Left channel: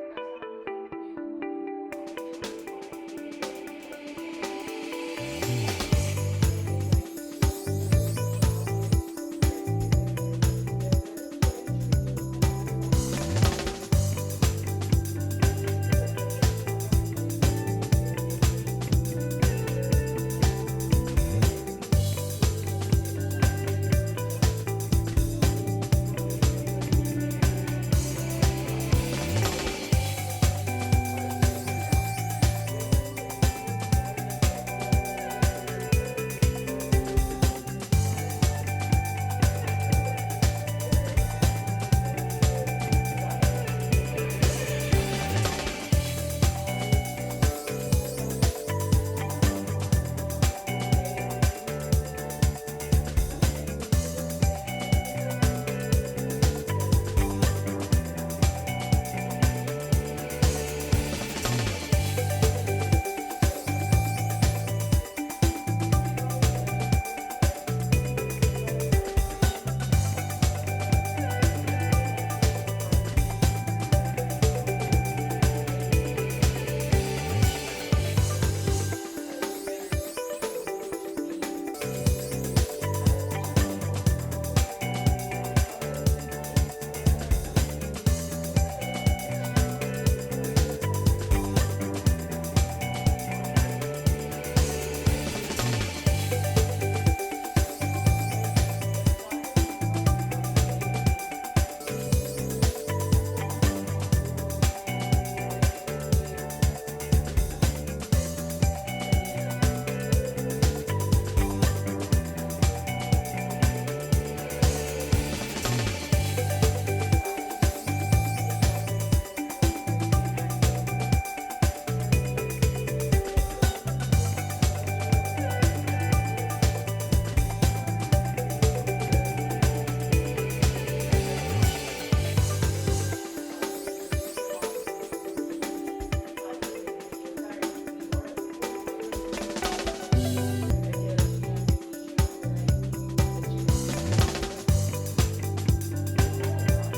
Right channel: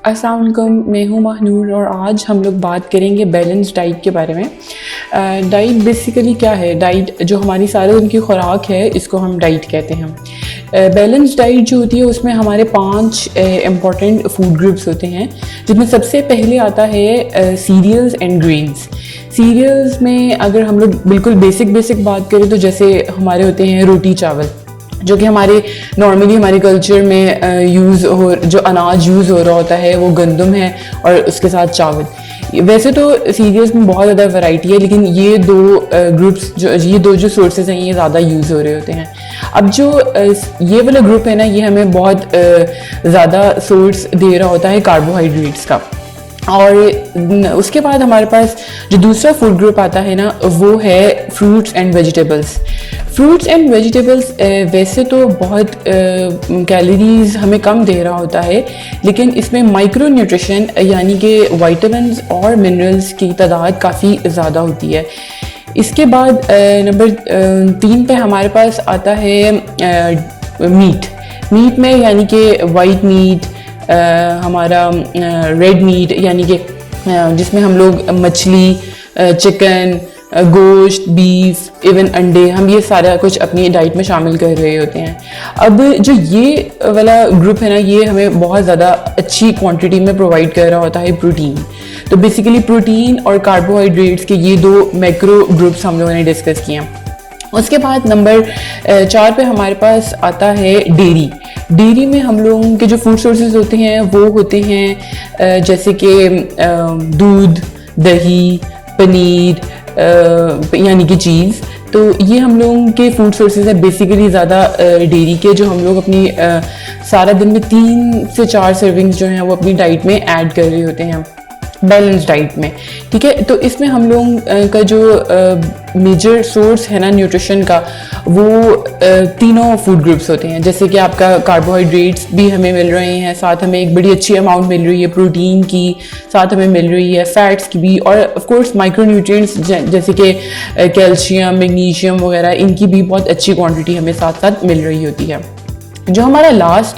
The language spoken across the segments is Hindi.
अस्सलाम वालेकुम, मैं हूँ महनूर और आज हम लोग बात करेंगे बैलेंस डाइट के बारे में। डाइट बेसिकली क्या है? डाइट जो हमारी सारे दिन की खुराक है, इसको हम डाइट कहते हैं। बैलेंस डाइट जो होती है उसमें हमारे 5 इम्पॉर्टेंट फूड ग्रुप्स होते हैं, जिसमें सबसे पहले आता है सीरियल्स एंड ग्रेन्स। सीरियल्स में अगर हम लोग बिल्कुल बेसिक बात करें तो जैसे हमारे होते हैं रोटी चावल, जो कि हमारे नॉर्मली हमारे कल्चर में यूज़ हो, जो अनाज यूज़ हो रहा होता है वो गंदम है और उसके साथ चावल। वैसे तो सीरियल्स में बहुत ज़्यादा वैरायटी है, लेकिन ये दो जो सोर्सेज हैं ये ज़्यादा यूज़ हो रहे होते हैं। अब जो ये वाला ग्रुप है ना, ये हमें बहुत ज़्यादा सोर्स दे रहा होता है कार्बोहाइड्रेट्स का। और उसके बाद हमारे पास जो दूसरा फूड ग्रुप आता है ना, वो है fruits and vegetables. Fruits and vegetables वैसे तो बहुत कैलोरीज हमें कम दे रहा होता है, लेकिन इसमें माइक्रो न्यूट्रिशन यानी कि विटामिन्स और मिनरल्स की तादाद काफ़ी ज़्यादा होती है। इसके बाद नंबर 3 पे हमारे पास आता है मीट में, यानी कि वाइट मीट, हमारा रेड मीट यानी कि जिसमें हम लोग मछली, चिकन, गोश्त, बीफ, इवन अंडे, हम ये सारा कुछ अपनी डाइट में शामिल कर रहे होते हैं। अब जो ये वाला ग्रुप है ना, ये हमें बहुत ज़्यादा अच्छी क्वांटिटी में प्रोवाइड कर रहा होता है प्रोटीन। तो बेसिकली प्रोटीन और कार्बोहाइड्रेट्स के ये 2 मैक्रो ग्रुप्स हम लोगों ने डिस्कस किए। उसके बाद नंबर 4 पे हमारे पास आता है डेयरी में हम लोगों के जो फूड सोर्सेज होते हैं वो होते हैं जैसे कि दूध, दही, पनीर, यानी कि चीज़। तो ये हम लोगों के फूड सोर्सेज है बेसिकली ज़्यादा डेयरी के, जो हम लोग अपनी सारा दिन में 3 से 4 सर्विंग्स जो हैं वो अपनी डाइट में ऐड कर रहे होते हैं बैलेंस डाइट में। ठीक है, तो इसमें हम लोगों का जो मेजर सोर्स है ना न्यूट्रिशन का, वो तीनों फूड ग्रुप्स होते हैं। जैसे कि आपका कार्बोहाइड्रेट्स भी हमें मिल रहे हैं, साथ हमें एक बड़ी अच्छी अमाउंट मिल रही है प्रोटीन की, साथ हमें मिल रही है फैट्स की भी, और ऑफ कोर्स माइक्रो न्यूट्रिएंट्स जैसे कि कैल्शियम, मैग्नीशियम वगैरह, इनकी भी बहुत अच्छी क्वांटिटी हमें साथ साथ मिल रही होती है। जो हमारा लास्ट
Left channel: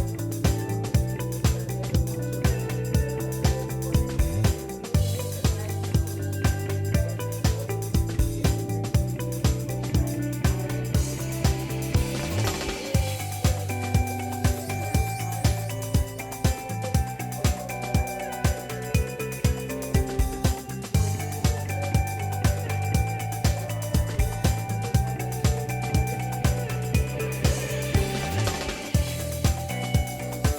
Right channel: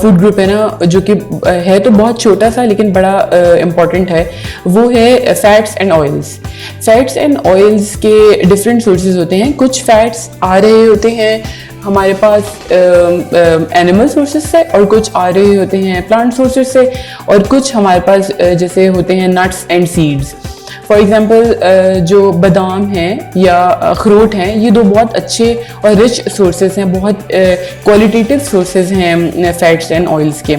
फूड ग्रुप है ना, जो कि है तो बहुत छोटा सा लेकिन बड़ा इम्पॉर्टेंट है, वो है fats and oils. Fats and oils के डिफरेंट सोर्सेज होते हैं। कुछ फैट्स आ रहे होते हैं हमारे पास एनिमल सोर्सेज से, और कुछ आ रहे होते हैं प्लांट सोर्सेज से, और कुछ हमारे पास जैसे होते हैं nuts and seeds. For example जो बादाम हैं या अखरोट हैं, ये 2 बहुत अच्छे और रिच सोर्सेज हैं, बहुत क्वालिटेटिव सोर्सेज हैं फैट्स एंड ऑयल्स के।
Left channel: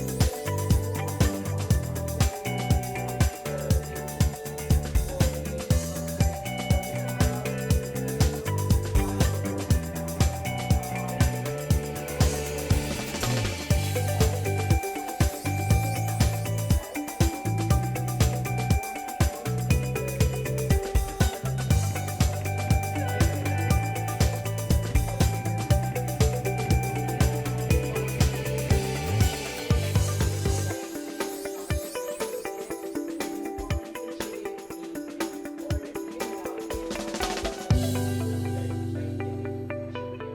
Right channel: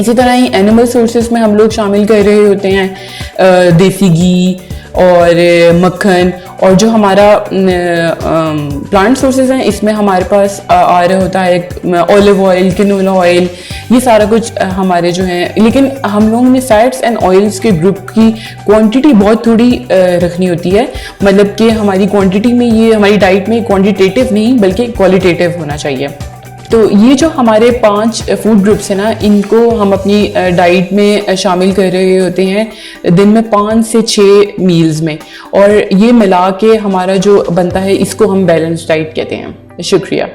इसी तरह ही एनिमल सोर्सेज में हम लोग शामिल कर रहे होते हैं देसी घी और मक्खन, और जो हमारा प्लांट सोर्सेज हैं इसमें हमारे पास आ रहा होता है ऑलिव ऑयल, कैनोला ऑयल, ये सारा कुछ हमारे जो हैं। लेकिन हम लोगों ने फैट्स एंड ऑयल्स के ग्रुप की क्वांटिटी बहुत थोड़ी रखनी होती है, मतलब कि हमारी क्वांटिटी में, ये हमारी डाइट में क्वांटिटेटिव नहीं बल्कि क्वालिटेटिव होना चाहिए। तो ये जो हमारे 5 फूड ग्रुप्स हैं ना, इनको हम अपनी डाइट में शामिल कर रहे होते हैं दिन में 5 से 6 मील्स में, और ये मिला के हमारा जो बनता है इसको हम बैलेंस डाइट कहते हैं। शुक्रिया।